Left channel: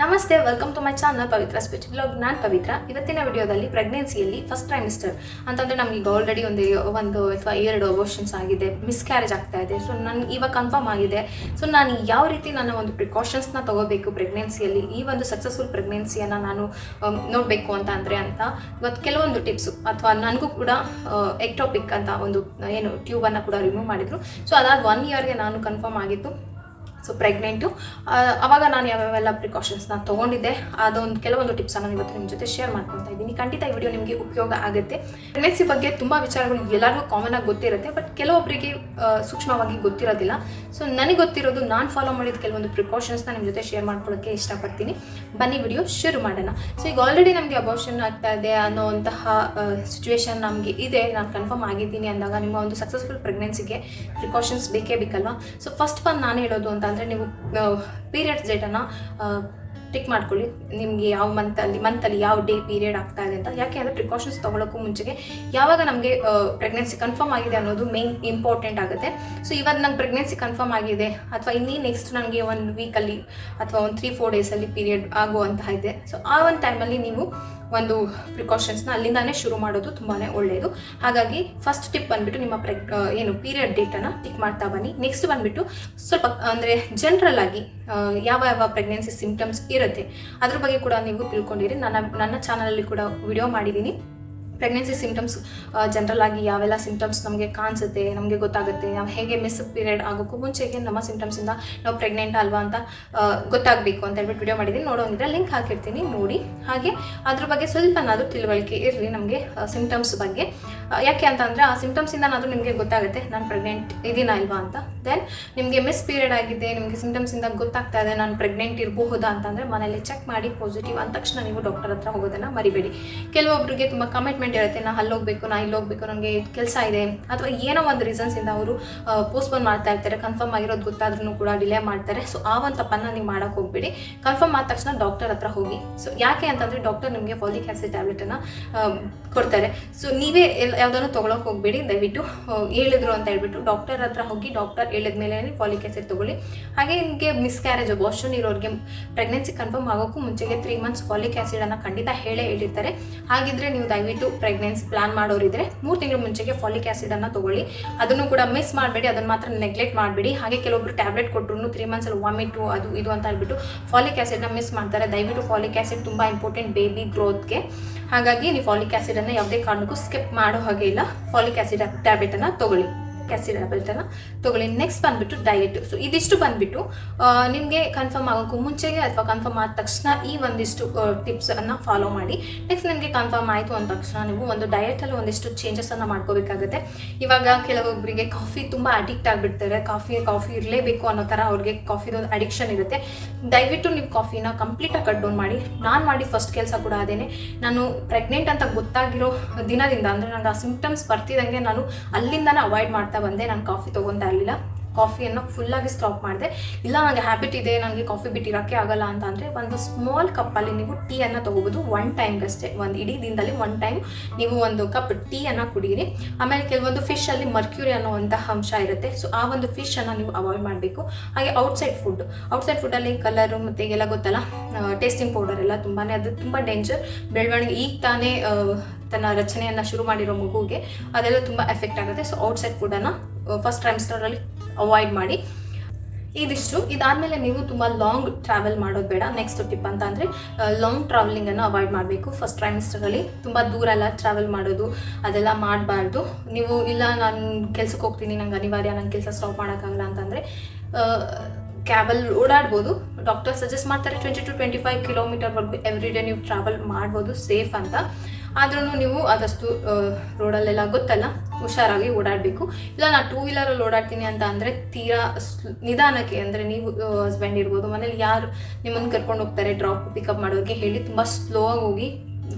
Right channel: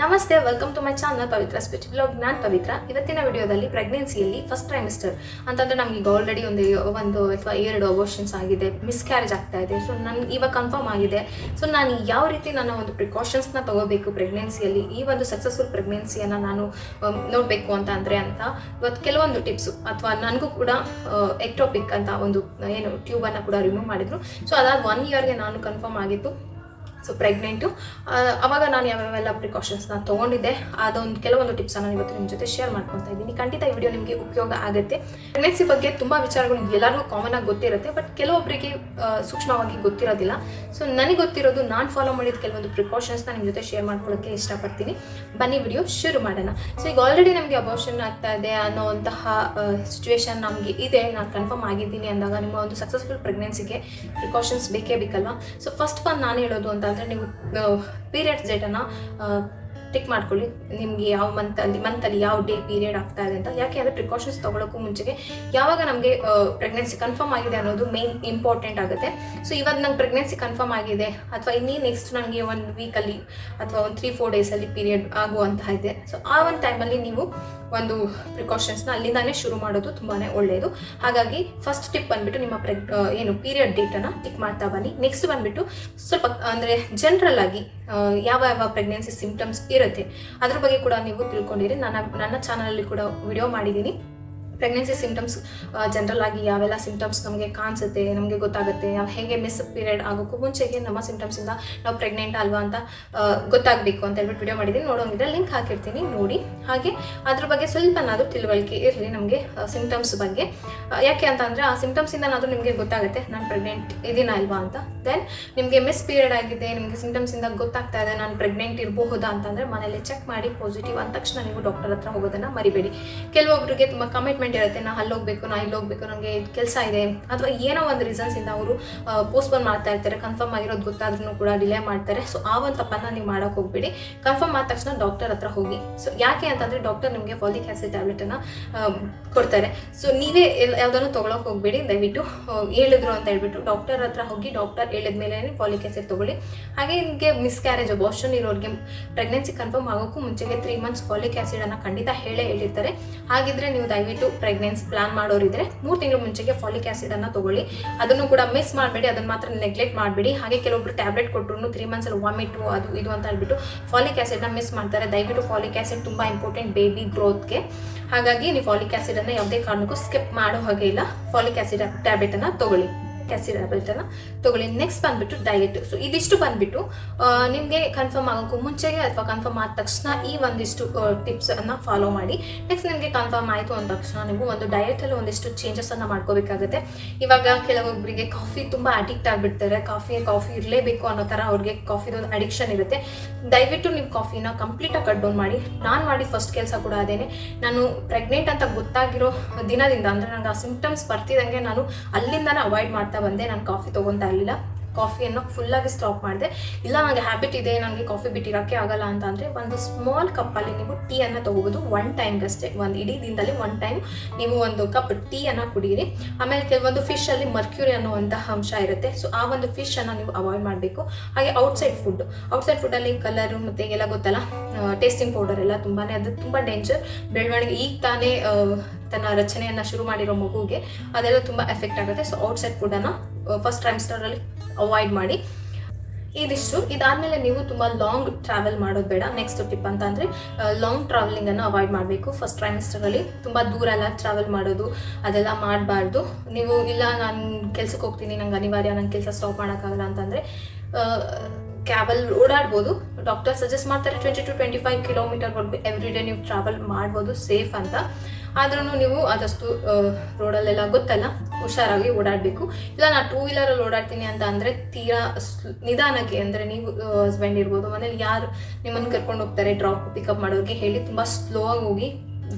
ನಮಸ್ತೆ, welcome to my channel ಪವಿಥ್ರಾಸ್ಪೆಟಿವ್ಲಾಗ್. ನಾನು ಪವಿತ್ರ. ಇವತ್ತಿನ ವಿಡಿಯೋದಲ್ಲಿ ಪ್ರೆಗ್ನೆನ್ಸಿಯಲ್ಲಿ ಫಸ್ಟ್ ಟ್ರೈಮಿಸ್ಟರ್ ಅಂತಂದರೆ ನಮಗೆ ಈಗ ಆಲ್ರೆಡಿ ಒಂದು ಅಥವಾ 2 ಅಬೋರ್ಷನ್ಸ್ ಆಗಿದೆ, ಮಿಸ್ಕ್ಯಾರೇಜ್ ಆಗ್ತಾ ಇದೆ. ಸೊ ನನಗೆ ಇವಾಗ ಕನ್ಫರ್ಮ್ ಆಗಿದೆ. ಸೊ ನಾನು ಯಾವ ರೀತಿ ನನ್ನ ಒಂದು ಪ್ರಿಕಾಷನ್ಸ್ನ ತಗೋಬೇಕು ಪ್ರೆಗ್ನೆನ್ಸಿಯಲ್ಲಿ, ಈ ಒಂದು ಸಕ್ಸಸ್ಫುಲ್ ಪ್ರೆಗ್ನೆನ್ಸಿಯನ್ನು ನಾನು ನೋಡಬೇಕು ಅಂತ ಇವತ್ತು ಕೆಲವೊಂದು ಟಿಪ್ಸು, ಅಥವಾ ನನಗೂ ಕೂಡ ಎಕ್ಟೋಪಿಕ್ ಅಂತ ಒಂದು ಟ್ಯೂಬನ್ನು ಕೂಡ ರಿಮೂವ್ ಮಾಡಿದರು. ಸೊ ಅದಾದ 1 ಇಯರ್ಗೆ ನಾನು ಕನ್ಫರ್ಮ್ ಆಗಿತ್ತು ಸೊ ಪ್ರೆಗ್ನೆಂಟು. ಅವಾಗ ನಾನು ಯಾವ್ಯಾವೆಲ್ಲ ಪ್ರಿಕಾಷನ್ಸ್ನ ತೊಗೊಂಡಿದ್ದೆ, ಅದೊಂದು ಕೆಲವೊಂದು ಟಿಪ್ಸನ್ನು ಇವತ್ತು ನಿಮ್ಮ ಜೊತೆ ಶೇರ್ ಮಾಡ್ಕೊತಾ ಇದ್ದೀನಿ. ಖಂಡಿತ ಈ ವಿಡಿಯೋ ನಿಮಗೆ ಉಪಯೋಗ ಆಗುತ್ತೆ. ಪ್ರೆಗ್ನೆನ್ಸಿ ಬಗ್ಗೆ ತುಂಬ ವಿಚಾರಗಳು ಎಲ್ಲರಿಗೂ ಕಾಮನ್ ಆಗಿ ಗೊತ್ತಿರುತ್ತೆ, ಬಟ್ ಕೆಲವೊಬ್ಬರಿಗೆ ಸೂಕ್ಷ್ಮವಾಗಿ ಗೊತ್ತಿರೋದಿಲ್ಲ. ಸೊ ನನಗೆ ಗೊತ್ತಿರೋದು, ನಾನು ಫಾಲೋ ಮಾಡಿದ ಕೆಲವೊಂದು ಪ್ರಿಕಾಷನ್ಸ್ನ ನಿಮ್ಮ ಜೊತೆ ಶೇರ್ ಮಾಡ್ಕೊಳ್ಳೋಕ್ಕೆ ಇಷ್ಟಪಡ್ತೀನಿ. ಬನ್ನಿ ವಿಡಿಯೋ ಶುರು ಮಾಡೋಣ. ಸೊ ಈಗ ಆಲ್ರೆಡಿ ನಮಗೆ ಅಬೋರ್ಷನ್ ಆಗ್ತಾ ಇದೆ ಅನ್ನೋವಂತಹ ಸಿಚುವೇಶನ್ ನಮಗೆ ಇದೆ, ನಾನು ಕನ್ಫರ್ಮ್ ಆಗಿದ್ದೀನಿ ಅಂದಾಗ ನಿಮ್ಮ ಒಂದು ಸಕ್ಸಸ್ಫುಲ್ ಪ್ರೆಗ್ನೆನ್ಸಿಗೆ ಪ್ರಿಕಾಷನ್ಸ್ ಬೇಕೇ ಬೇಕಲ್ವಾ. ಸೊ ಫಸ್ಟ್ ನಾನು ಹೇಳೋದು ಅಂತ ಅಂದರೆ, ನೀವು ಪೀರಿಯಡ್ಸ್ ಡೇಟನ್ನು ಟಿಕ್ ಮಾಡ್ಕೊಳ್ಳಿ. ನಿಮಗೆ ಯಾವ ಮಂತಲ್ಲಿ ಯಾವ ಡೇ ಪೀರಿಯಡ್ ಆಗ್ತಾ ಇದೆ ಅಂತ. ಯಾಕೆ ಅಂದರೆ ಪ್ರಿಕಾಷನ್ಸ್ ತೊಗೊಳಕ್ಕೂ ಮುಂಚೆಗೆ ಯಾವಾಗ ನಮಗೆ ಪ್ರೆಗ್ನೆನ್ಸಿ ಕನ್ಫರ್ಮ್ ಆಗಿದೆ ಅನ್ನೋದು ಮೇನ್ ಇಂಪಾರ್ಟೆಂಟ್ ಆಗುತ್ತೆ. ಸೊ ಇವಾಗ ನಂಗೆ ಪ್ರೆಗ್ನೆನ್ಸಿ ಕನ್ಫರ್ಮ್ ಆಗಿದೆ, ಅಥವಾ ನೆಕ್ಸ್ಟ್ ನನಗೆ 1 ವೀಕಲ್ಲಿ ಅಥವಾ ಒಂದು 3-4 ಡೇಸಲ್ಲಿ ಪೀರಿಯಡ್ ಆಗುವಂತಹ ಇದೆ. ಸೊ ಆ ಒಂದು ಟೈಮಲ್ಲಿ ನೀವು ಒಂದು ಪ್ರಿಕಾಷನ್ಸ್ನ ಅಲ್ಲಿಂದಾನೇ ಶುರು ಮಾಡೋದು ತುಂಬಾ ಒಳ್ಳೆಯದು. ಹಾಗಾಗಿ ಫಸ್ಟ್ ಟಿಪ್ ಬಂದುಬಿಟ್ಟು, ನಿಮ್ಮ ಪೀರಿಯಡ್ ಡೇಟನ್ನು ಟಿಕ್ ಮಾಡ್ತಾ ಬನ್ನಿ. ನೆಕ್ಸ್ಟ್ ಬಂದುಬಿಟ್ಟು ಸ್ವಲ್ಪ ಅಂದರೆ ಜನರಲ್ ಆಗಿ ಯಾವ ಪ್ರೆಗ್ನೆನ್ಸಿ ಸಿಂಪ್ಟಮ್ಸ್ ಇರುತ್ತೆ ಅದ್ರ ಬಗ್ಗೆ ಕೂಡ ನೀವು ತಿಳ್ಕೊಂಡಿರಿ. ನನ್ನ ಚಾನಲಲ್ಲಿ ಕೂಡ ವಿಡಿಯೋ ಮಾಡಿದ್ದೀನಿ. ಪ್ರೆಗ್ನೆನ್ಸಿ ಸಿಂಪ್ಟಮ್ಸ್ ಜನರಲ್ ಆಗಿ ಯಾವೆಲ್ಲ ಸಿಂಪ್ಟಮ್ಸ್ ನಮಗೆ ಕಾಣಿಸುತ್ತೆ, ನಮಗೆ ಗೊತ್ತಾಗುತ್ತೆ. ನಾವು ಹೇಗೆ ಮಿಸ್ ಪೀರಿಯಡ್ ಆಗೋಕ್ಕೂ ಮುಂಚೆಗೆ ನಮ್ಮ ಸಿಂಪ್ಟಮ್ಸಿಂದ ನಾವು ಪ್ರೆಗ್ನೆಂಟ್ ಅಲ್ವಾ ಅಂತ ಗೊತ್ತಾಗಬೇಕು ಅಂತ ಹೇಳ್ಬಿಟ್ಟು ವಿಡಿಯೋ ಮಾಡಿದ್ದೀನಿ. ನೋಡೋಂಗಿದ್ರೆ ಲಿಂಕ್ ಹಾಕಿರ್ತೀನಿ, ನೋಡಿ. ಹಾಗೆ ಅದ್ರ ಬಗ್ಗೆ ಸ್ವಲ್ಪನಾದರೂ ತಿಳುವಳಿಕೆ ಇರಲಿ ನಮಗೆ ಸಿಂಪ್ಟಮ್ಸ್ ಬಗ್ಗೆ. ಯಾಕೆ ಅಂತಂದರೆ ಆ ಸಿಂಪ್ಟಮ್ಸಿಂದನಾದರೂ ನಿಮಗೆ ಗೊತ್ತಾಗುತ್ತೆ ನಾನು ಪ್ರೆಗ್ನೆಂಟ್ ಇದೀನ ಅಲ್ವಾ ಅಂತ. ದೆನ್ ನಿಮಗೆ ಮಿಸ್ ಪೀರಿಯಡ್ ಆಗಿದೆ, ನಿಮಗೆ ಸಿಂಪ್ಟಮ್ಸಿಂದ ಗೊತ್ತಾಗ್ತಾ ಇದೆ ನಾನು ಪ್ರೆಗ್ನೆಂಟ್ ಇರಬಹುದಾ ಅಂತಂದರೆ ಮನೇಲಿ ಚೆಕ್ ಮಾಡಿ ಪಾಸಿಟಿವ್ ಅಂದ ತಕ್ಷಣ ನೀವು ಡಾಕ್ಟರ್ ಹತ್ರ ಹೋಗೋದನ್ನು ಮರಿಬೇಡಿ. ಕೆಲವೊಬ್ಬರಿಗೆ ತುಂಬ ಕಮಿಟ್ಮೆಂಟ್ ಇರುತ್ತೆ, ನಾ ಅಲ್ಲಿ ಹೋಗಬೇಕು, ನಾ ಇಲ್ಲಿ ಹೋಗಬೇಕು, ನನಗೆ ಕೆಲಸ ಇದೆ, ಅಥವಾ ಏನೋ ಒಂದು ರೀಸನ್ಸಿಂದ ಅವರು ಪೋಸ್ಟ್ಪೋನ್ ಮಾಡ್ತಾ ಇರ್ತಾರೆ. ಕನ್ಫರ್ಮ್ ಆಗಿರೋದು ಗೊತ್ತಾದ್ರೂ ಕೂಡ ಡಿಲೇ ಮಾಡ್ತಾರೆ. ಸೊ ಆ ಒಂದು ತಪ್ಪನ್ನು ನೀವು ಮಾಡೋಕೆ ಹೋಗ್ಬೇಡಿ. ಕನ್ಫರ್ಮ್ ಆದ ತಕ್ಷಣ ಡಾಕ್ಟರ್ ಹತ್ರ ಹೋಗಿ. ಸೊ ಯಾಕೆ ಅಂತಂದರೆ ಡಾಕ್ಟರ್ ನಿಮಗೆ ಫಾಲಿಕ್ ಆಸಿಡ್ ಟ್ಯಾಬ್ಲೆಟನ್ನು ಕೊಡ್ತಾರೆ. ಸೊ ನೀವೇ ಯಾವುದನ್ನು ತೊಗೊಳಕ್ಕೆ ಹೋಗಬೇಡಿ. ದಯವಿಟ್ಟು ಹೇಳಿದ್ರು ಅಂತ ಹೇಳ್ಬಿಟ್ಟು ಡಾಕ್ಟರ್ ಹತ್ರ ಹೋಗಿ, ಡಾಕ್ಟರ್ ಹೇಳಿದ ಮೇಲೆ ಫಾಲಿಕ್ ಆಸಿಡ್ ತೊಗೊಳ್ಳಿ. ಹಾಗೆ ನಿಮಗೆ ಮಿಸ್ಕ್ಯಾರೇಜ್ ಅಬೋರ್ಷನ್ ಇರೋರಿಗೆ ಪ್ರೆಗ್ನೆನ್ಸಿ ಕನ್ಫರ್ಮ್ ಆಗೋಕ್ಕೂ ಮುಂಚೆಗೆ 3 ಮಂತ್ಸ್ ಫಾಲಿಕ್ ಆಸಿಡನ್ನು ಖಂಡಿತ ಹೇಳಿರ್ತಾರೆ. ಹಾಗಿದ್ರೆ ನೀವು ದಯವಿಟ್ಟು ಪ್ರೆಗ್ನೆನ್ಸಿ ಪ್ಲಾನ್ ಮಾಡೋರಿದ್ರೆ 3 ತಿಂಗಳ ಮುಂಚೆಗೆ ಫಾಲಿಕ್ ಆಸಿಡನ್ನು ತೊಗೊಳ್ಳಿ. ಅದನ್ನು ಕೂಡ ಮಿಸ್ ಮಾಡಬೇಡಿ, ಅದನ್ನು ಮಾತ್ರ ನೆಗ್ಲೆಕ್ಟ್ ಮಾಡಬೇಡಿ. ಹಾಗೆ ಕೆಲವೊಬ್ರು ಟ್ಯಾಬ್ಲೆಟ್ ಕೊಟ್ಟರು 3 ಮಂತ್ಸಲ್ಲಿ ವಾಮಿಟು ಅದು ಇದು ಅಂತ ಹೇಳ್ಬಿಟ್ಟು ಫಾಲಿಕ್ ಆಸಿಡ್ನ ಮಿಸ್ ಮಾಡ್ತಾರೆ. ದಯವಿಟ್ಟು ಫಾಲಿಕ್ ಆಸಿಡ್ ತುಂಬ ಇಂಪಾರ್ಟೆಂಟ್ ಬೇಬಿ ಗ್ರೋತ್ಗೆ. ಹಾಗಾಗಿ ನೀವು ಫಾಲಿಕ್ ಆಸಿಡನ್ನು ಯಾವುದೇ ಕಾರಣಕ್ಕೂ ಸ್ಕಿಪ್ ಮಾಡೋ ಹಾಗೆ ಇಲ್ಲ. ಫಾಲಿಕ್ ಆಸಿಡ್ ಟ್ಯಾಬ್ಲೆಟನ್ನು ತೊಗೊಳ್ಳಿ. ನೆಕ್ಸ್ಟ್ ಬಂದ್ಬಿಟ್ಟು ಡಯಟ್. ಸೊ ಇದಿಷ್ಟು ಬಂದ್ಬಿಟ್ಟು ನಿಮಗೆ ಕನ್ಫರ್ಮ್ ಆಗೋಕ್ಕೂ ಮುಂಚೆಗೆ ಅಥವಾ ಕನ್ಫರ್ಮ್ ಆದ ತಕ್ಷಣ ಈ ಒಂದಿಷ್ಟು ಟಿಪ್ಸನ್ನು ಫಾಲೋ ಮಾಡಿ. ನೆಕ್ಸ್ಟ್ ನಿಮಗೆ ಕನ್ಫರ್ಮ್ ಆಯಿತು ಅಂದ ತಕ್ಷಣ ನೀವು ಒಂದು ಡಯಟಲ್ಲಿ ಒಂದಿಷ್ಟು ಚೇಂಜಸನ್ನು ಮಾಡ್ಕೋಬೇಕಾಗುತ್ತೆ. ಇವಾಗ ಕೆಲವೊಬ್ಬರಿಗೆ ಕಾಫಿ ತುಂಬ ಅಡಿಕ್ಟ್ ಆಗಿಬಿಡ್ತಾರೆ. ಕಾಫಿ ಇರಲೇಬೇಕು ಅನ್ನೋ ಥರ ಅವ್ರಿಗೆ ಕಾಫಿದೊಂದು ಅಡಿಕ್ಷನ್ ಇರುತ್ತೆ. ದಯವಿಟ್ಟು ನೀವು ಕಾಫಿನ ಕಂಪ್ಲೀಟಾಗಿ ಕಟ್ ಡೌನ್ ಮಾಡಿ. ನಾನು ಮಾಡಿ ಫಸ್ಟ್ ಕೆಲಸ ಕೂಡ ಅದೇನೆ. ನಾನು ಪ್ರೆಗ್ನೆಂಟ್ ಅಂತ ಗೊತ್ತಾಗಿರೋ ದಿನದಿಂದ, ಅಂದರೆ ನನಗೆ ಆ ಸಿಂಪ್ಟಮ್ಸ್ ಬರ್ತಿದ್ದಂಗೆ ನಾನು ಅಲ್ಲಿಂದನೇ ಅವಾಯ್ಡ್ ಮಾಡ್ತಾ ಬಂದೆ. ನಾನು ಕಾಫಿ ತೊಗೊತಾ ಇರಲಿಲ್ಲ. ಕಾಫಿಯನ್ನು ಫುಲ್ಲಾಗಿ ಸ್ಟಾಪ್ ಮಾಡಿದೆ. ಇಲ್ಲ ನನಗೆ ಹ್ಯಾಬಿಟ್ ಇದೆ, ನನಗೆ ಕಾಫಿ ಬಿಟ್ಟಿರೋಕ್ಕೆ ಆಗಲ್ಲ ಅಂತ ಅಂದರೆ ಒಂದು ಸ್ಮಾಲ್ ಕಪ್ಪಲ್ಲಿ ನೀವು ಟೀಯನ್ನು ತೊಗೋಬೋದು. 1 ಟೈಮ್ಗಷ್ಟೇ, ಒಂದು ಇಡೀ ದಿನದಲ್ಲಿ 1 ಟೈಮ್ ನೀವು ಒಂದು ಕಪ್ ಟೀಯನ್ನು ಕುಡೀರಿ. ಆಮೇಲೆ ಕೆಲವೊಂದು ಫಿಶಲ್ಲಿ ಮರ್ಕ್ಯೂರಿ ಅನ್ನುವಂತಹ ಅಂಶ ಇರುತ್ತೆ. ಸೊ ಆ ಒಂದು ಫಿಶನ್ನು ನೀವು ಅವಾಯ್ಡ್ ಮಾಡಬೇಕು. ಹಾಗೆ ಔಟ್ಸೈಡ್ ಫುಡ್ಡಲ್ಲಿ ಕಲರು ಮತ್ತು ಎಲ್ಲ ಗೊತ್ತಲ್ಲ, ಟೇಸ್ಟಿಂಗ್ ಪೌಡರ್ ಎಲ್ಲ ಅದು ತುಂಬ ಡೇಂಜರ್. ಬೆಳವಣಿಗೆ ಈಗ ತಾನೇ ತನ್ನ ರಚನೆಯನ್ನು ಶುರು ಮಾಡಿರೋ ಮಗುಗೆ ಅದೆಲ್ಲ ತುಂಬ ಎಫೆಕ್ಟ್ ಆಗುತ್ತೆ. ಸೊ ಔಟ್ಸೈಡ್ ಫುಡ್ಡನ್ನು ಫಸ್ಟ್ ಟ್ರೈಮಿಸ್ಟರಲ್ಲಿ ಅವಾಯ್ಡ್ ಮಾಡಿ. ಇದಾದಮೇಲೆ ನೀವು ತುಂಬ ಲಾಂಗ್ ಟ್ರಾವೆಲ್ ಮಾಡೋದು ಬೇಡ. ನೆಕ್ಸ್ಟ್ ಟಿಪ್ ಅಂತ ಅಂದರೆ ಲಾಂಗ್ ಟ್ರಾವೆಲಿಂಗನ್ನು ಅವಾಯ್ಡ್ ಮಾಡಬೇಕು. ಫಸ್ಟ್ ಟ್ರೈಮಿಸ್ಟರಲ್ಲಿ ತುಂಬ ದೂರ ಎಲ್ಲ ಟ್ರಾವೆಲ್ ಮಾಡೋದು ಅದೆಲ್ಲ ಮಾಡಬಾರ್ದು. ನೀವು ಇಲ್ಲ ನಾನು ಕೆಲ್ಸಕ್ಕೆ ಹೋಗ್ತೀನಿ, ನಂಗೆ ಅನಿವಾರ್ಯ, ನಂಗೆ ಕೆಲಸ ಸ್ಟಾಪ್ ಮಾಡೋಕ್ಕಾಗಲ್ಲ ಅಂತಂದರೆ ಕ್ಯಾಬಲ್ಲಿ ಓಡಾಡ್ಬೋದು. ಡಾಕ್ಟರ್ ಸಜೆಸ್ಟ್ ಮಾಡ್ತಾರೆ 20 to 25 ಕಿಲೋಮೀಟರ್ವರೆಗೂ ಎವ್ರಿ ಡೇ ನೀವು ಟ್ರಾವೆಲ್ ಮಾಡ್ಬೋದು, ಸೇಫ್ ಅಂತ. ಆದ್ರೂ ನೀವು ಆದಷ್ಟು ರೋಡಲ್ಲೆಲ್ಲ ಗೊತ್ತಲ್ಲ, ಹುಷಾರಾಗಿ ಓಡಾಡಬೇಕು. ಇಲ್ಲ ನಾನು 2 ವೀಲರಲ್ಲಿ ಓಡಾಡ್ತೀನಿ ಅಂತ ಅಂದರೆ ತೀರಾ ನಿಧಾನಕ್ಕೆ, ಅಂದರೆ ನೀವು ಹಸ್ಬೆಂಡ್ ಇರ್ಬೋದು, ಮನೇಲಿ ಯಾರು ನಿಮ್ಮನ್ನು ಕರ್ಕೊಂಡು ಹೋಗ್ತಾರೆ ಡ್ರಾಪ್ ಪಿಕಪ್ ಮಾಡೋರಿಗೆ ಹೇಳಿ ತುಂಬ ಸ್ಲೋ ಆಗಿ ಹೋಗಿ.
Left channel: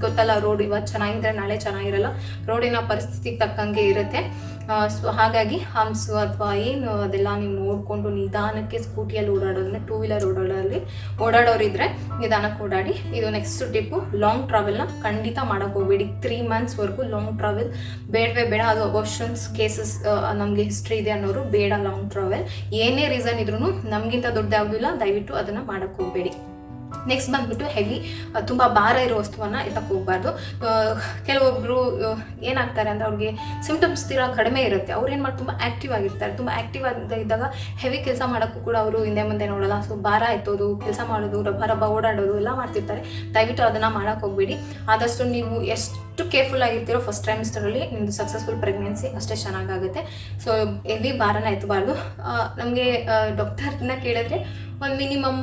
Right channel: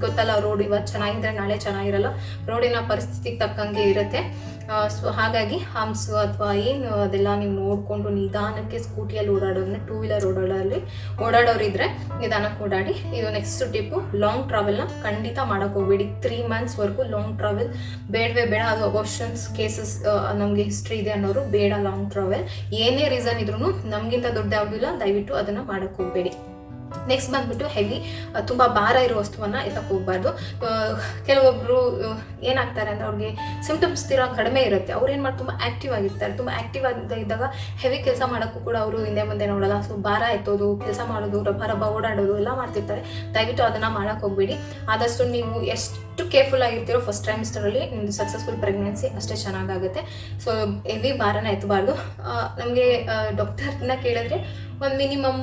ಗೊತ್ತಲ್ಲ, ರೋಡ್ ಇವತ್ತು ಚೆನ್ನಾಗಿದ್ರೆ ನಾಳೆ ಚೆನ್ನಾಗಿರಲ್ಲ, ರೋಡಿನ ಪರಿಸ್ಥಿತಿಗೆ ತಕ್ಕಂಗೆ ಇರುತ್ತೆ. ಸೊ ಹಾಗಾಗಿ ಹಂಪ್ಸು ಅಥವಾ ಏನು ಅದೆಲ್ಲ ನೀವು ನೋಡಿಕೊಂಡು ನಿಧಾನಕ್ಕೆ ಸ್ಕೂಟಿಯಲ್ಲಿ ಓಡಾಡೋದನ್ನ, 2 ವೀಲರ್ ಓಡಾಡೋರಿದ್ರೆ ನಿಧಾನಕ್ಕೆ ಓಡಾಡಿ. ಇದು ನೆಕ್ಸ್ಟ್ ಟಿಪ್ಪು. ಲಾಂಗ್ ಟ್ರಾವೆಲ್ನ ಖಂಡಿತ ಮಾಡೋಕ್ಕೆ ಹೋಗ್ಬೇಡಿ. 3 ಮಂತ್ಸ್ವರೆಗೂ ಲಾಂಗ್ ಟ್ರಾವೆಲ್ ಬೇಡವೇ ಬೇಡ. ಅದು ಅಬೋರ್ಷನ್ಸ್ ಕೇಸಸ್ ನಮಗೆ ಹಿಸ್ಟ್ರಿ ಇದೆ ಅನ್ನೋರು ಬೇಡ ಲಾಂಗ್ ಟ್ರಾವೆಲ್. ಏನೇ ರೀಸನ್ ಇದ್ರೂ ನಮಗಿಂತ ದೊಡ್ಡ ಯಾವುದಿಲ್ಲ, ದಯವಿಟ್ಟು ಅದನ್ನು ಮಾಡೋಕ್ಕೆ ಹೋಗಬೇಡಿ. ನೆಕ್ಸ್ಟ್ ಬಂದ್ಬಿಟ್ಟು ಹೆವಿ ತುಂಬ ಭಾರ ಇರೋ ವಸ್ತುವನ್ನು ಎತ್ತಕ್ಕೆ ಹೋಗ್ಬಾರ್ದು. ಕೆಲವೊಬ್ಬರು ಏನಾಗ್ತಾರೆ ಅಂದರೆ ಅವ್ರಿಗೆ ಸಿಂಪ್ಟಮ್ಸ್ ಕಡಿಮೆ ಇರುತ್ತೆ, ಅವ್ರು ಏನು ಮಾಡಿ ತುಂಬ ಆ್ಯಕ್ಟಿವ್ ಆಗಿರ್ತಾರೆ. ತುಂಬ ಆ್ಯಕ್ಟಿವ್ ಇದ್ದಾಗ ಹೆವಿ ಕೆಲಸ ಮಾಡೋಕ್ಕೂ ಕೂಡ ಅವರು ಹಿಂದೆ ಮುಂದೆ ನೋಡೋಲ್ಲ. ಸೊ ಭಾರ ಎತ್ತೋದು, ಕೆಲಸ ಮಾಡೋದು, ರಬ್ಬ ಓಡಾಡೋದು ಎಲ್ಲ ಮಾಡ್ತಿರ್ತಾರೆ. ದಯವಿಟ್ಟು ಅದನ್ನು ಮಾಡೋಕ್ಕೆ ಹೋಗ್ಬೇಡಿ. ಆದಷ್ಟು ನೀವು ಎಷ್ಟು ಕೇರ್ಫುಲ್ ಆಗಿರ್ತೀರೋ ಫಸ್ಟ್ ಟ್ರೈಮಿಸ್ಟರಲ್ಲಿ ನಿಮ್ಮದು ಸಕ್ಸಸ್ಫುಲ್ ಪ್ರೆಗ್ನೆನ್ಸಿ ಅಷ್ಟೇ ಚೆನ್ನಾಗಾಗುತ್ತೆ. ಸೊ ಹೆವಿ ಭಾರನ ಎತ್ತಬಾರ್ದು. ನಮಗೆ ಡಾಕ್ಟರ್ನ ಕೇಳಿದ್ರೆ ಒಂದು ಮಿನಿಮಮ್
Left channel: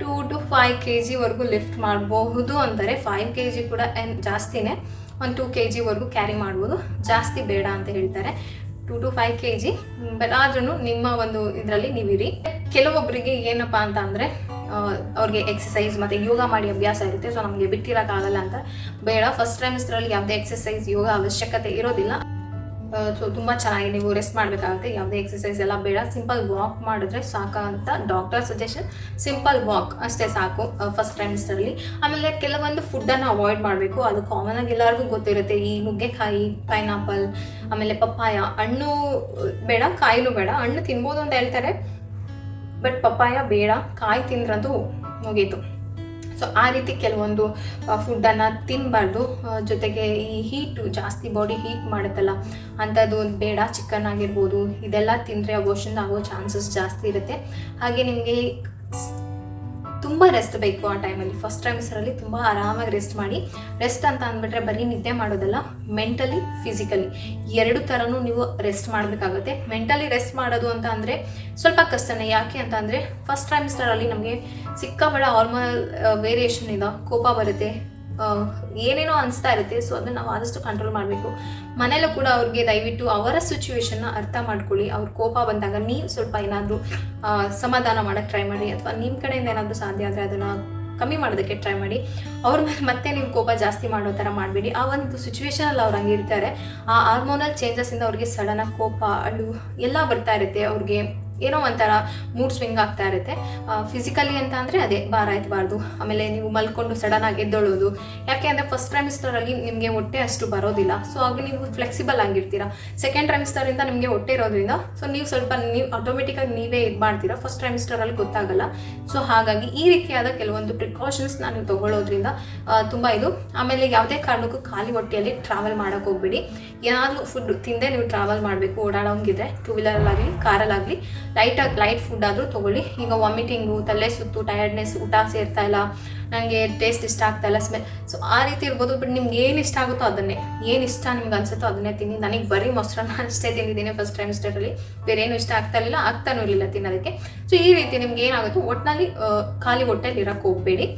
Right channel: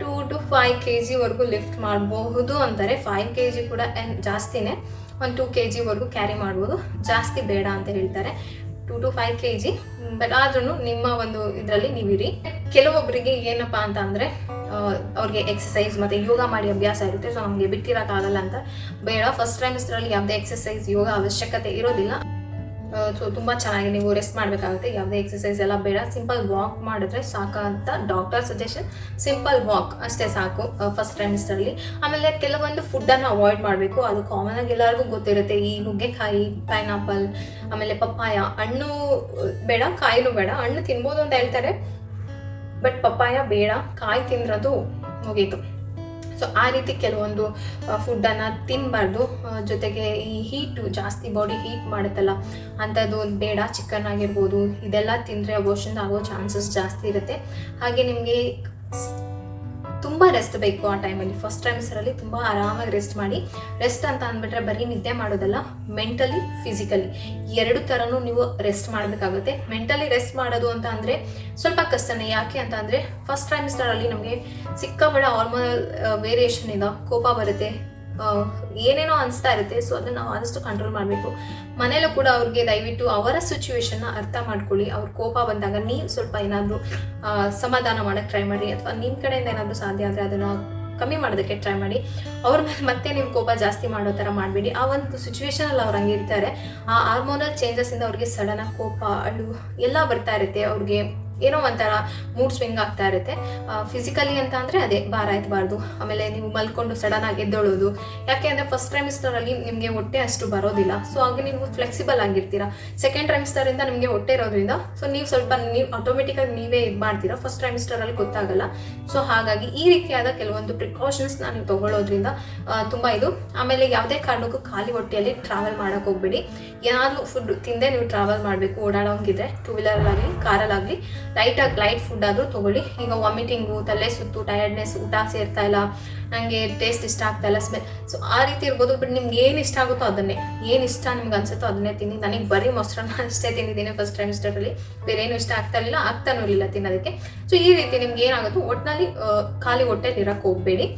2 to 5 kg ಲಿಫ್ಟ್ ಮಾಡಬಹುದು ಅಂತಾರೆ. 5 kg ಕೂಡ ಜಾಸ್ತಿನೇ, ಒಂದು 2 kg ಕ್ಯಾರಿ ಮಾಡ್ಬೋದು, ಜಾಸ್ತಿ ಬೇಡ ಅಂತ ಹೇಳ್ತಾರೆ. 2 to 5 kg, ಬಟ್ ಆದ್ರೂ ನಿಮ್ಮ ಒಂದು ಇದರಲ್ಲಿ ನೀವಿರಿ. ಕೆಲವೊಬ್ಬರಿಗೆ ಏನಪ್ಪ ಅಂತ ಅಂದರೆ ಅವ್ರಿಗೆ ಎಕ್ಸಸೈಸ್ ಮತ್ತು ಯೋಗ ಮಾಡಿ ಅಭ್ಯಾಸ ಇರುತ್ತೆ. ಸೊ ನಮಗೆ ಬಿಟ್ಟಿರೋಕ್ಕಾಗಲ್ಲ ಅಂತ ಬೇಡ. ಫಸ್ಟ್ ಟ್ರೈಮಿಸ್ಟರಲ್ಲಿ ಯಾವುದೇ ಎಕ್ಸಸೈಸ್ ಯೋಗ ಅವಶ್ಯಕತೆ ಇರೋದಿಲ್ಲ. ಸೊ ತುಂಬ ಚೆನ್ನಾಗಿ ನೀವು ರೆಸ್ಟ್ ಮಾಡಬೇಕಾಗುತ್ತೆ. ಯಾವುದೇ ಎಕ್ಸಸೈಸ್ ಎಲ್ಲ ಬೇಡ, ಸಿಂಪಲ್ ವಾಕ್ ಮಾಡಿದ್ರೆ ಸಾಕು ಅಂತ ಡಾಕ್ಟರ್ ಸಜೆಷನ್. ಸಿಂಪಲ್ ವಾಕ್ ಅಷ್ಟೇ ಸಾಕು ಫಸ್ಟ್ ಟ್ರೈಮಿಸ್ಟರಲ್ಲಿ. ಆಮೇಲೆ ಕೆಲವೊಂದು ಫುಡ್ಡನ್ನು ಅವಾಯ್ಡ್ ಮಾಡಬೇಕು. ಅದು ಕಾಮನ್ ಆಗಿ ಎಲ್ಲರಿಗೂ ಗೊತ್ತಿರುತ್ತೆ. ಈ ನುಗ್ಗೆಕಾಯಿ, ಪೈನಾಪಲ್, ಆಮೇಲೆ ಪಪ್ಪಾಯ. ಹಣ್ಣು ಬೇಡ, ಕಾಯಿನೂ ಬೇಡ. ಹಣ್ಣು ತಿನ್ಬೋದು ಅಂತ ಹೇಳ್ತಾರೆ, ಬಟ್ ಪಪ್ಪಾಯ ಬೇಡ. ಕಾಯಿ ತಿಂದ್ರಂತೂ ಮುಗೀತು. ಸೊ ಆ ರೀತಿ ಕೆಲವೊಂದು ಫುಡ್ಡನ್ನು ತಿನ್ನಬಾರ್ದು. ಜೊತೆಗೆ ಈ ಹೀಟು ಜಾಸ್ತಿ, ಬಾಡಿ ಹೀಟ್ ಮಾಡುತ್ತಲ್ಲ ಅಂಥದ್ದು ಬೇಡ. ಚಿಕನ್ ಆಗಿರ್ಬೋದು, ಇದೆಲ್ಲ ತಿಂದರೆ ಅಬೋರ್ಷನ್ ಆಗೋ ಚಾನ್ಸಸ್ ಜಾಸ್ತಿ ಇರುತ್ತೆ. ಹಾಗೆ ನಿಮಗೆ ತುಂಬ ರೆಸ್ಟ್ ಬೇಕು ಆ ಟೈಮಲ್ಲಿ. ಫಸ್ಟ್ ಟ್ರೈಮಿಸ್ಟರಲ್ಲಿ ತುಂಬ ಆರಾಮಾಗಿ ರೆಸ್ಟ್ ಮಾಡಿ. ರೆಸ್ಟ್ ಅಂತ ಅಂದ್ಬಿಟ್ರೆ ಬರೀ ನಿದ್ದೆ ಮಾಡೋದಲ್ಲ, ಮೆಂಟಲಿ, ಫಿಸಿಕಲಿ ಎರಡು ಥರನೂ ನೀವು ರೆಸ್ಟ್ ಮಾಡಬೇಕಾಗುತ್ತೆ. ಮೆಂಟಲಿ ರೆಸ್ಟ್ ಮಾಡೋದು ಅಂತ ಅಂದರೆ ಸ್ವಲ್ಪ ಕಷ್ಟನೇ. ಯಾಕೆ ಅಂತ ಅಂದರೆ ಫಸ್ಟ್ ಟ್ರೈಮಿಸ್ಟರಲ್ಲಿ ನಮಗೆ ಸಿಕ್ಕಾಪಟ್ಟೆ ಹಾರ್ಮೋನಲ್ ವೇರಿಯೇಷನ್ ಇದೆ, ಕೋಪ ಬರುತ್ತೆ, ಏನೇನೋ ಅನಿಸ್ತಾ ಇರುತ್ತೆ. ಸೊ ಅದನ್ನು ನಾವು ಆದಷ್ಟು ಕಂಟ್ರೋಲ್ ಮಾಡಬೇಕು. ಮನೇಲೂ ಕೂಡ ಅವ್ರಿಗೆ ದಯವಿಟ್ಟು ಅವರ ಸಿಚುವೇಶನ್ನ ಅರ್ಥ ಮಾಡ್ಕೊಳ್ಳಿ. ಅವ್ರ ಕೋಪ ಬಂದಾಗ ನೀವು ಸ್ವಲ್ಪ ಏನಾದರೂ ಸಮಾಧಾನ ಮಾಡೋಕ್ಕೆ ಟ್ರೈ ಮಾಡಿ, ಅಥವಾ ನಿಮ್ಮ ಕಡೆಯಿಂದ ಏನಾದರೂ ಸಾಧ್ಯ ಆದರೆ ಅದನ್ನು ಕಮ್ಮಿ ಮಾಡೋದಕ್ಕೆ ಟ್ರೈ ಮಾಡಿ. ಅವ್ರ ಮೇಲೆ ಮತ್ತೆ ನೀವು ಕೋಪ ಜಾಸ್ತಿ ಮಾಡೋ ಥರ ಮಾಡಬೇಡಿ. ಆ ಒಂದು ಸಿಚುವೇಶನಲ್ಲಿ ಅವ್ರು ಹಂಗೆ ಇರ್ತಾರೆ. ಆ ಹಾರ್ಮೋನಲ್ ಚೇಂಜಸ್ಸಿಂದ ಅವ್ರಿಗೆ ಸಡನ್ನಾಗಿ ಕೋಪ, ಅಳು ಎಲ್ಲ ಬರ್ತಾ ಇರುತ್ತೆ. ಅವ್ರಿಗೆ ಏನೋ ಒಂಥರ ಮೂಡ್ ಸ್ವಿಂಗ್ ಆಗ್ತಾ ಇರುತ್ತೆ. ಫಿಸಿಕಲಿ ಅಂತ ಅಂದರೆ ಅದೇ ಭಾರ ಎತ್ತಬಾರ್ದು. ಆಮೇಲೆ ನೀವು ಮಲ್ಕೊಂಡು ಸಡನ್ನಾಗಿ ಎದ್ದೊಳ್ಳೋದು. ಯಾಕೆ ಅಂದರೆ ಫಸ್ಟ್ ಟ್ರೈಮಿಸ್ಟರಲ್ಲಿ ನಿಮಗೆ ಹೊಟ್ಟೆ ಅಷ್ಟು ಬರೋದಿಲ್ಲ. ಸೊ ಆಗ ನೀವು ಫ್ಲೆಕ್ಸಿಬಲ್ ಆಗಿರ್ತೀರಾ. ಸೆಕೆಂಡ್ ಟ್ರೈಮಿಸ್ಟರಿಂದ ನಿಮಗೆ ಹೊಟ್ಟೆ ಇರೋದ್ರಿಂದ ಸೊ ನೀವು ಸ್ವಲ್ಪ ಆಟೋಮೆಟಿಕ್ಕಾಗಿ ನೀವೇ ಇದು ಮಾಡ್ತೀರಾ. ಫಸ್ಟ್ ಟ್ರೈಮಿಸ್ಟರಲ್ಲಿ ಗೊತ್ತಾಗಲ್ಲ. ಸೊ ಹಾಗಾಗಿ ಈ ರೀತಿಯಾದ ಕೆಲವೊಂದು ಪ್ರಿಕಾಷನ್ಸ್ನ ನೀವು ತೊಗೊಳ್ಳೋದ್ರಿಂದ ತುಂಬ ಇದು. ಆಮೇಲೆ ಯಾವುದೇ ಕಾರಣಕ್ಕೂ ಖಾಲಿ ಹೊಟ್ಟೆಯಲ್ಲಿ ಟ್ರಾವೆಲ್ ಮಾಡೋಕ್ಕೆ ಹೋಗ್ಬೇಡಿ. ಏನಾದರೂ ಫುಡ್ ತಿಂದೇ ನೀವು ಟ್ರಾವೆಲ್ ಮಾಡಬೇಕು, ಓಡಾಡೋಂಗಿದ್ರೆ ಟೂ ವೀಲರಲ್ಲಾಗಲಿ ಕಾರಲ್ಲಾಗಲಿ ಲೈಟ್ ಫುಡ್ ಆದರೂ ತೊಗೊಳ್ಳಿ. ಈಗ ವಾಮಿಟಿಂಗು, ತಲೆ ಸುತ್ತು, ಟಯರ್ಡ್ನೆಸ್, ಊಟ ಸೇರ್ತಾ ಇಲ್ಲ, ನನಗೆ ಟೇಸ್ಟ್ ಇಷ್ಟ ಆಗ್ತಾ ಇಲ್ಲ, ಸ್ಮೆಲ್, ಸೊ ಆ ರೀತಿ ಇರ್ಬೋದು. ಬಟ್ ನಿಮ್ಗೆ ಏನು ಇಷ್ಟ ಆಗುತ್ತೋ ಅದನ್ನೇ, ಏನು ಇಷ್ಟ ನಿಮ್ಗೆ ಅನ್ಸುತ್ತೋ ಅದನ್ನೇ ತಿನ್ನಿ. ನನಗೆ ಬರೀ ಮೊಸರನ್ನ ಅಷ್ಟೇ ತಿಂದಿದ್ದೀನಿ ಫಸ್ಟ್ ಟ್ರೈಮಿಸ್ಟರಲ್ಲಿ. ಬೇರೆ ಏನು ಇಷ್ಟ ಆಗ್ತಾನೂ ಇರಲಿಲ್ಲ ತಿನ್ನೋದಕ್ಕೆ. ಸೊ ಈ ರೀತಿ ನಿಮ್ಗೆ ಏನಾಗುತ್ತೋ ಒಟ್ಟಿನಲ್ಲಿ ಖಾಲಿ ಹೊಟ್ಟೆಲಿ ಇರೋಕ್ಕೆ ಹೋಗಬೇಡಿ.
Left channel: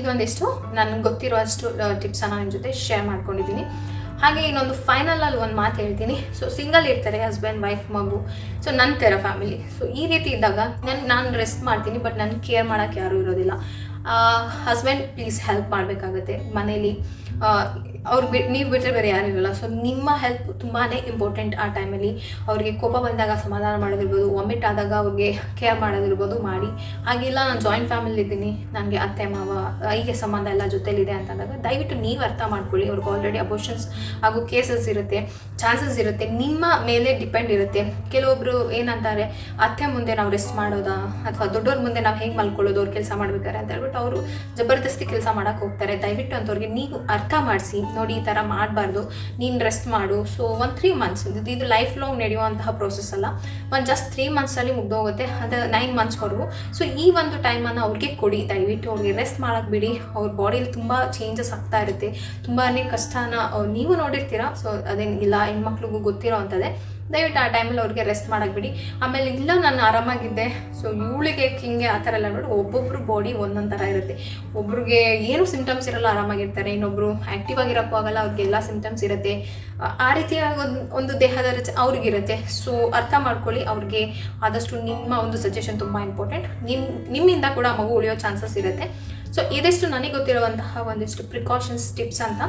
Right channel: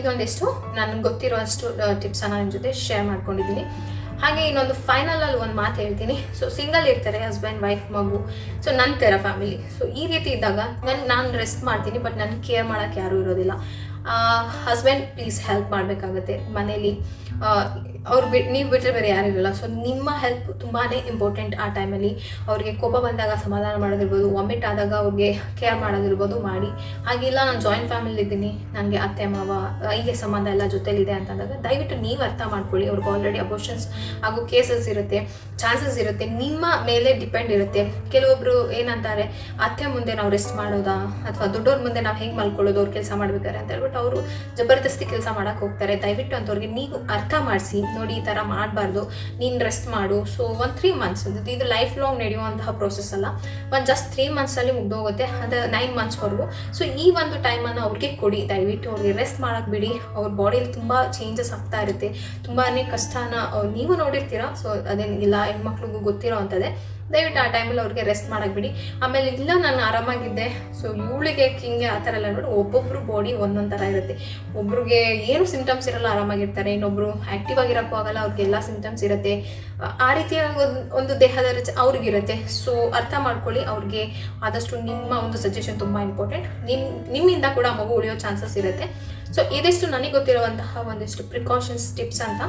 ಇದೊಂದಿಷ್ಟು ನನಗೆ ಗೊತ್ತಿರೋ ಅಷ್ಟು ಟಿಪ್ಸನ್ನು ನಿಮ್ಮ ಜೊತೆ ಶೇರ್ ಮಾಡ್ಕೊಂಡಿದ್ದೀನಿ. ಹಾಗೆ ಇನ್ನೊಂದು ಫೈನಲಲ್ಲಿ ಒಂದು ಮಾತು ಹೇಳ್ತೀನಿ. ಸೊ ಸಿಂಗಲ್ ಇರ್ತಾರೆ ಹಸ್ಬೆಂಡ್, ವೈಫ್, ಮಗು. ಸೊ ನನ್ನ ಥರ ಫ್ಯಾಮಿಲಿ. ಸೊ ಈ ರೀತಿ ಇದ್ದಾಗ ನಾನು ರೆಸ್ಟ್ ಮಾಡ್ತೀನಿ, ಬಟ್ ನನ್ನ ಕೇರ್ ಮಾಡೋಕ್ಕೆ ಯಾರೂ ಇರೋದಿಲ್ಲ. ಹಸ್ಬೆಂಡ್ ಪ್ಲೀಸ್ ಹೆಲ್ಪ್ ಮಾಡಬೇಕಾಗತ್ತೆ ಮನೇಲಿ. ನೀವು ಬಿಟ್ಟರೆ ಬೇರೆ ಯಾರು ಇರಲ್ಲ. ಸೊ ನಿಮ್ಮ ಹೆಲ್ಪ್ ತುಂಬಾ ಇಂಪಾರ್ಟೆಂಟ್ ಆ ಟೈಮಲ್ಲಿ. ಅವ್ರಿಗೆ ಕೋಪ ಬಂದಾಗ ಸಮಾಧಾನ ಮಾಡೋದಿರ್ಬೋದು, ವಾಮಿಟ್ ಆದಾಗ ಅವ್ರಿಗೆ ಕೇರ್ ಮಾಡೋದಿರ್ಬೋದು ಮಾಡಿ. ಹಾಗಿಲ್ಲ ನಾನು ಜಾಯಿಂಟ್ ಫ್ಯಾಮಿಲಿ ಇದ್ದೀನಿ, ನನಗೆ ಅತ್ತೆ ಮಾವ ಹೀಗೆ ಸಂಬಂಧ ಎಲ್ಲ ಜೊತೆಲಿದೆ ಅಂತಂದಾಗ ದಯವಿಟ್ಟು ನೀವು ಅರ್ಥ ಮಾಡ್ಕೊಳ್ಳಿ. ಅವ್ರಿಗೆ ಆಲ್ರೆಡಿ ಅಬೋರ್ಷನ್ಸ್ ಹಾಗೂ ಕೇಸಸ್ ಇರುತ್ತೆ, ಚಾನ್ಸಸ್ ಇರುತ್ತೆ, ನಿಮ್ಮ ಮೇಲೆ ಡಿಪೆಂಡ್ ಇರುತ್ತೆ. ಕೆಲವೊಬ್ರು ಏನಂತಾರೆ, ಅತ್ತೆ ಮುಂದೆ ನಾವು ರೆಸ್ಟ್ ಮಾಡೋದಾ, ಅಥವಾ ದೊಡ್ಡವ್ರ ಮುಂದೆ ನಾವು ಹೆಂಗೆ ಮಲ್ಕೊಳ್ಳೋದು ಅವ್ರು ಕೆಲಸ ಮಾಡ್ಬೇಕಾರೆ ಅಂತ ಹೇಳ್ಬಿಟ್ಟು ಅವರು ಜಬರ್ದಸ್ತಿ ಕೆಲಸ ಮಾಡೋಕೆ ಹೋಗ್ತಾರೆ. ದಯವಿಟ್ಟು ಅಂಥವ್ರಿಗೆ ನೀವು ಅರ್ಥ ಮಾಡಿಸಿ, ನೋಡಿ ಈ ಥರ ಮಾಡಬಾರ್ದು, ನೀನು ರೆಸ್ಟ್ ಮಾಡು. ಸೊ ಒಂದು 3 months, ಇದು ಲೈಫ್ ಲಾಂಗ್ ನಡೆಯುವಂತಹ ಪ್ರೋಸೆಸ್ ಅಲ್ಲ. ಒಂದು ಜಸ್ಟ್ 3 monthsಲ್ಲಿ ಮುಗ್ದೋಗುತ್ತೆ, ಅದು 9 monthsವರೆಗೂ. ಸೊ ಈ ಒಂದು ಟೈಮನ್ನು ಅವ್ರಿಗೆ ಕೊಡಿ. ದಯವಿಟ್ಟು ಅವ್ರಿಗೆ ರೆಸ್ಟ್ ಮಾಡೋಕ್ಕೆ ಬಿಡಿ. ಅವ್ರ ಬಾಡಿಯಲ್ಲಿ ತುಂಬ ಚೇಂಜಸ್ ಆಗ್ತಾ ಇರುತ್ತೆ, ತುಂಬಾ ಕಷ್ಟನ ನೀವು ನೋಡಿರ್ತೀರಾ. ಸೊ ಅದೇನಿಲ್ಲ, ಹೆಣ್ಮಕ್ಳಿಗೂ ಗೊತ್ತಿರೋ ಅಂಥದ್ದೇ. ದಯವಿಟ್ಟು ಆ ಟೈಮಲ್ಲಿ ಅವ್ರಿಗೆ ರೆಸ್ಟ್ ಮಾಡೋಕ್ಕೆ ಬಿಡಿ. ಆಮೇಲೆ ಇಲ್ಲ ನಾನು ಆರಾಮಾಗಿದ್ದೆ, ಸೊ ಇವಳಿಗೆ ಹಿಂಗೆ ಆ ಥರ ಎಲ್ಲ ನೋಡಿ, ಒಬ್ಬೊಬ್ಬರು ಬಾಡಿ ಒಂದೊಂದು ಥರ ಇರುತ್ತೆ. ಒಬ್ರಿಗೆ ಏನು ಸಿಂಟಮ್ಸ್ ಇರಲ್ಲ, ಆರಾಮಾಗಿರ್ತಾರೆ. ಇನ್ನೊಬ್ರು ಆ್ಯಕ್ಟಿವ್ ಆಗಿರೋಕ್ಕೂ ಆಗಲ್ಲ, ಅವ್ರಿಗೆಲ್ಲ ಸಿಂಟಮ್ಸ್ ಇರುತ್ತೆ. ಆ ರೀತಿಯಾಗಿ ಒಂದು ದೇಹದ ಅವ್ರಿಗಿರುತ್ತೆ. ಸೊ ಅರ್ಥ ಮಾಡ್ಕೊಳ್ಳಿ. ಅವ್ರಿಗೆ ಆದಷ್ಟು ನಿಮ್ಮ ಒಂದು ಸಜೆಷನ್ ತುಂಬ ಇಂಪಾರ್ಟೆಂಟ್. ನಿಮ್ಮಿಂದ ಕೂಡ ಮಗು ಉಳಿಯೋ ಚಾನ್ಸಸ್ ಇರುತ್ತೆ. ಸೊ ಇದಿಷ್ಟು ನನಗೆ ಗೊತ್ತಿರುವಂತಹ ಒಂದಿಷ್ಟು ಪ್ರಿಕಾಷನ್ಸ್ ಟಿಪ್ಸ್ ಅಂತ.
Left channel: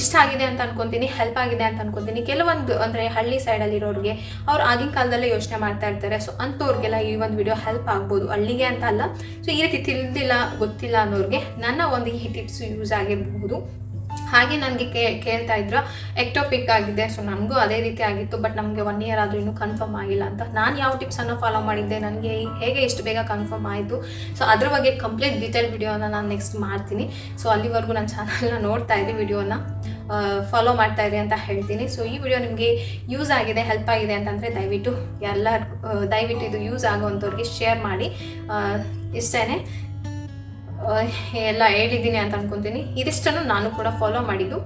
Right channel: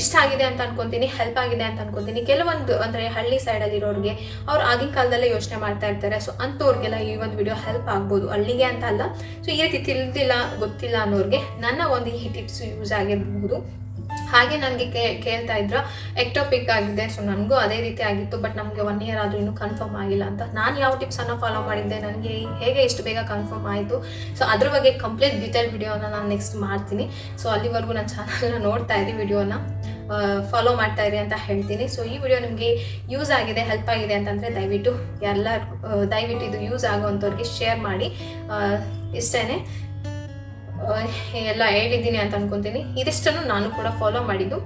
ಇಷ್ಟ ಆಗಿದೆ ಅಂತ ಅನ್ಕೊತೀನಿ, ಹೆಲ್ಪ್ ಆಗಿದೆ ಅಂತ ಅನ್ಕೊತೀನಿ. ಕೆಲವೊಂದು ಅಂದರೆ ಹಳ್ಳಿ ಸೈಡಲ್ಲಿರೋರಿಗೆ ಅವ್ರು ಆಗಿನ ಕಾಲದಲ್ಲೇ ಯೋಚನೆ ಮಾಡ್ತಾ ಇರ್ತಾರೆ. ಸೊ ಅಂಥವ್ರಿಗೆಲ್ಲ ಈ ಒಂದು ವಿಡಿಯೋ ಹೆಲ್ಪ್ ಆಗ್ಬೋದು, ಹಳ್ಳಿಗೆ ಅಂತ ಅಲ್ಲ. ಸೊ ಈ ರೀತಿ ತಿಳಿದಿಲ್ಲ, ಗೊತ್ತಿಲ್ಲ ಅನ್ನೋರಿಗೆ ನನ್ನ ಒಂದು ಈ ಟಿಪ್ಸ್ ಯೂಸ್ ಆಗಿರಬಹುದು. ಹಾಗೆ ನನಗೆ ಕೇಳ್ತಾ ಇದ್ರು ಎಕ್ಟೋಪಿಕ್ ಆಗಿದೆ, ಸೊ ನನಗೂ ಅದೇ ರೀತಿ ಆಗಿತ್ತು. ಬಟ್ ನಮಗೆ 1 ಇಯರ್ ಆದರೂ ಇನ್ನೂ ಕನ್ಫರ್ಮ್ ಆಗಿಲ್ಲ ಅಂತ. ನಾನು ಯಾವ ಟಿಪ್ಸನ್ನು ಫಾಲೋ ಮಾಡಿದ್ದೆ, ನನಗೆ ಹೇಗೆ ಇಷ್ಟು ಬೇಗ ಕನ್ಫರ್ಮ್ ಆಯಿತು, ಸೊ ಅದ್ರ ಬಗ್ಗೆ ಕಂಪ್ಲೀಟ್ ಡೀಟೇಲ್ ವಿಡಿಯೋನ ನಾನು ನೆಕ್ಸ್ಟ್ ಮಾಡ್ತೀನಿ. ಸೊ ಅಲ್ಲಿವರೆಗೂ ನನ್ನ ಚಾನಲ್ನ ನೋಡ್ತಾ ಇರಿ, ವಿಡಿಯೋನ ಫಾಲೋ ಮಾಡ್ತಾ ಇರಿ ಅಂತ ಹೇಳ್ತೀನಿ. ಸೊ ಈ ವಿಡಿಯೋ ನಿಮಗೆ ಯೂಸ್ ಆಗಿದೆ, ಹೆಲ್ಪ್ ಆಗಿದೆ ಅಂತಂದರೆ ದಯವಿಟ್ಟು ಇದು ಯೂಸ್ ಆಗೋವಂಥವ್ರಿಗೆ ಶೇರ್ ಮಾಡಿ. ಇಷ್ಟೇ ಎಲ್ಲ ಹೇಳಿದ್ದೀನಿ ಅಂತ ಅನ್ಕೊತೀನಿ. ಇದಿಷ್ಟನ್ನು ನಾನು ಕೂಡ ಫಾಲೋ ಮಾಡಿದ್ದು.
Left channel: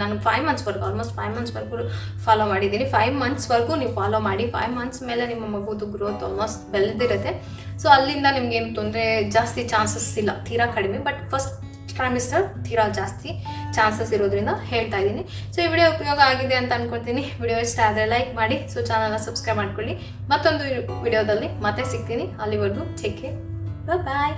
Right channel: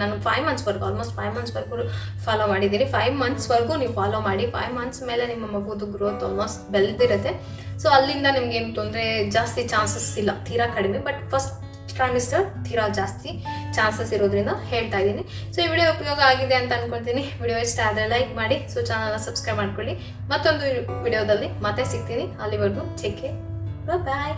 ನಾನು 5 ಮಂತ್ಸ್ವರೆಗೂ ಆಲ್ಮೋಸ್ಟ್ 5 ಮಂತ್ಸ್ವರೆಗೂ ಫಾಲೋ ಮಾಡಿದ್ದೀನಿ. 5 ಮಂತ್ಸ್ವರೆಗೂ ನೀವು ಫಾಲೋ ಮಾಡಿ. 5 ಮಂತ್ಸ್ ಮೇಲೆ ನಿಮ್ಮ ಮಗುದು ಗ್ರೋತ್ ಆಲ್ಮೋಸ್ಟ್ ಬೆಳೆದಿರುತ್ತೆ. ಸೊ ಅಲ್ಲಿಂದ ನಿಮ್ಗೇನು ತೊಂದರೆ ಜಾಸ್ತಿ ಚಾನ್ಸಸ್ ಇಲ್ಲ, ತೀರಾ ಕಡಿಮೆ. ಬಟ್ ಫಸ್ಟ್ ಟ್ರೈಮಿಸ್ಟರ್ ತೀರಾ ಜಾಸ್ತಿ ಚಾನ್ಸಸ್ ಇರೋದ್ರಿಂದ ಹೇಳ್ತಾ ಇದ್ದೀನಿ. ಸೊ ಈ ವಿಡಿಯೋ ಉಪಯೋಗ ಆಗಿದೆ ಅಂತ ಅನ್ಕೊತೀನಿ. ವಿಡಿಯೋ ಇಷ್ಟ ಆದರೆ ಲೈಕ್ ಮಾಡಿ, ಸೊ ಚಾನಲ್ನ ಸಬ್ಸ್ಕ್ರೈಬ್ ಮಾಡ್ಕೊಳ್ಳಿ. ಮತ್ತೊಂದು ವಿಡಿಯೋದಲ್ಲಿ ಮತ್ತೆ ಸಿಗ್ತೀನಿ. ಅಲ್ಲಿವರೆಗೂ ಟೇಕ್ ಕೇರ್, ಬಾಯ್.